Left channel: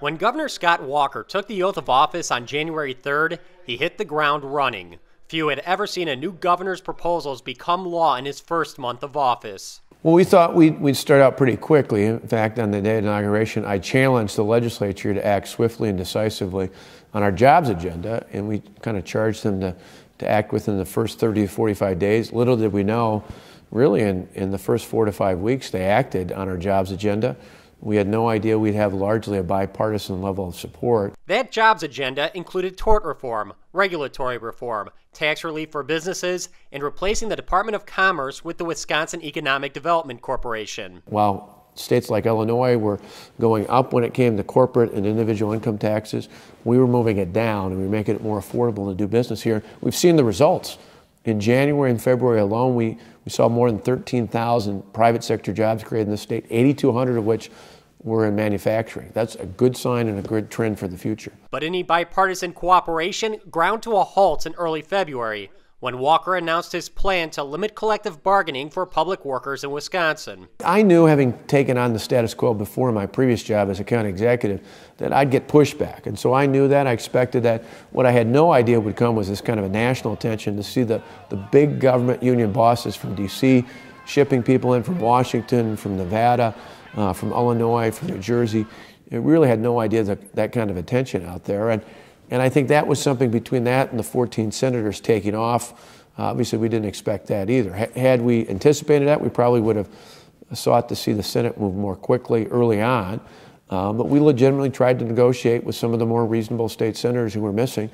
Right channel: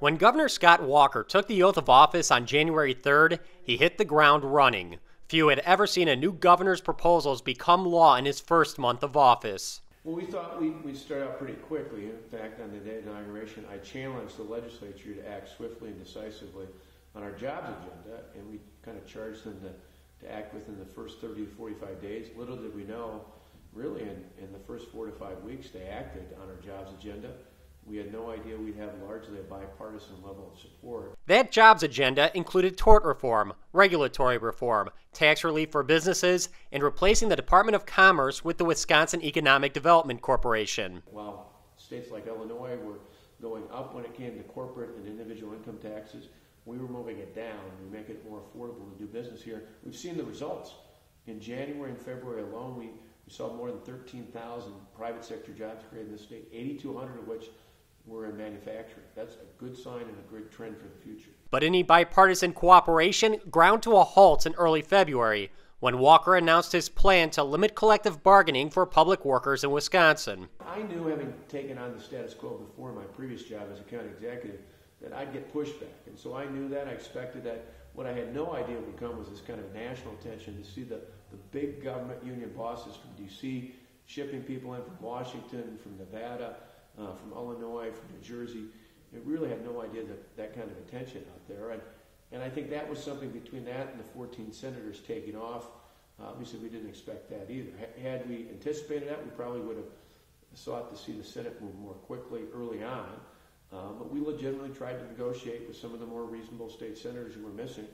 When Governor Scott Walker took the oath of office on January 3rd, he hit the ground running. Few had ever seen a new governor's proposals become law in his first month of office. Well, we thought we'd start out pretty quickly. In fact, on the day of inauguration, I challenged the legislature to act swiftly and decisively on our jobs agenda, and we kind of charged them to act within the first 30 to 45 days. Little did we know, really in the first 4 to 5 weeks, they acted on our jobs agenda. We had no idea we'd have largely a bipartisan level of support. That jobs agenda included tort reform, regulatory reform, tax relief for businesses, and replacing the Department of Commerce with the Wisconsin Economic Development Corporation. While states like Illinois were going up when it came to corporate and individual income taxes, we were moving it down, and we were making it more affordable to do business here. We've seen the results. In January and February alone, we saw more than 13,000 private sector jobs created in the state, 8,200 of which were in manufacturing. That's a good sign and a good trend for the future. But any bipartisan cooperation ground to a halt in early February when Walker announced his plan to limit collective bargaining for public workers in Wisconsin. I knew, having taken on the status quo before in my previous job as a county executive, that I'd get pushback. And so I knew that, I expected that. What I had no idea would come was this kind of a national attention to see the big government union bosses from DC shipping people in from Washington, from Nevada, from Illinois, from New Jersey. It really had no idea that kind of attention out there. And I think that was something between that and the 14 senators taking off. Obviously, we didn't expect that either. Had we anticipated that, we probably would have sought to see the Senate move more quickly early on. But we legitimately tried to negotiate with some of the more reasonable state senators who were missing.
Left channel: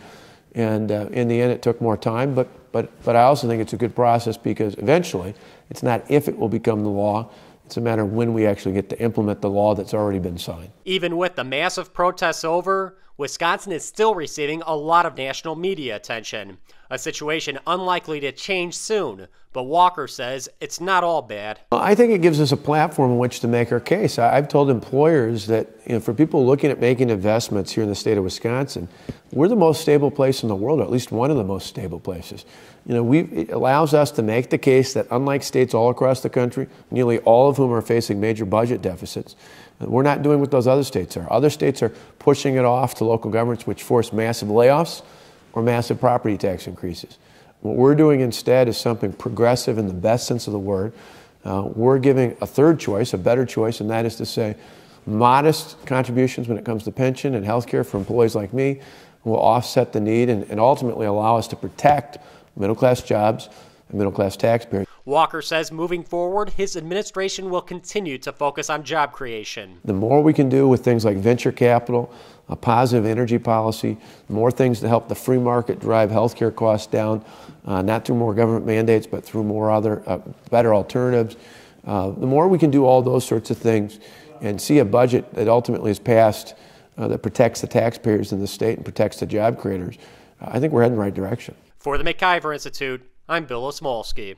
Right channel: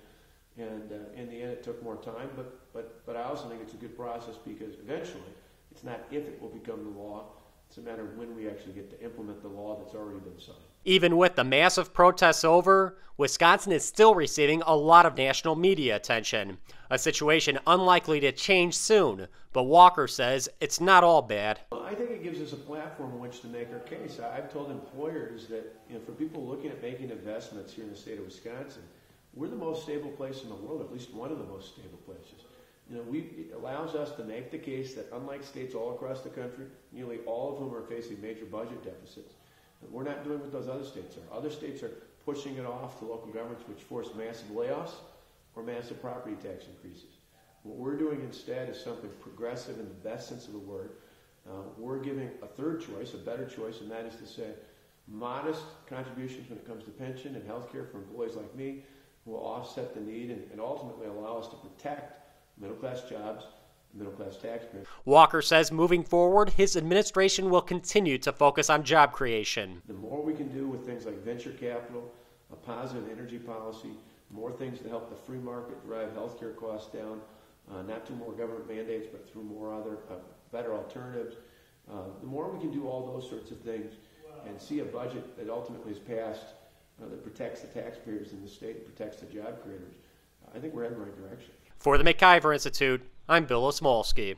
And in the end, it took more time. But I also think it's a good process because eventually, it's not if it will become the law. It's a matter of when we actually get to implement the law that's already been signed. Even with the massive protests over, Wisconsin is still receiving a lot of national media attention, a situation unlikely to change soon. But Walker says it's not all bad. I think it gives us a platform in which to make our case. I've told employers that, for people looking at making investments here in the state of Wisconsin, we're the most stable place in the world, or at least one of the most stable places. It allows us to make the case that unlike states all across the country, nearly all of whom are facing major budget deficits, we're not doing what those other states are. Other states are pushing it off to local governments, which force massive layoffs or massive property tax increases. What we're doing instead is something progressive in the best sense of the word. We're giving a third choice, a better choice, and that is to say modest contributions when it comes to pension and health care for employees like me will offset the need and ultimately allow us to protect middle-class jobs and middle-class taxpayers. Walker says moving forward, his administration will continue to focus on job creation. The more we can do with things like venture capital, a positive energy policy, more things to help the free market drive healthcare costs down, not through more government mandates, but through more other better alternatives. The more we can do all those sorts of things and see a budget that ultimately is passed that protects the taxpayers in the state and protects the job creators, I think we're heading in the right direction. For the MacIver Institute, I'm Bill Osmulski.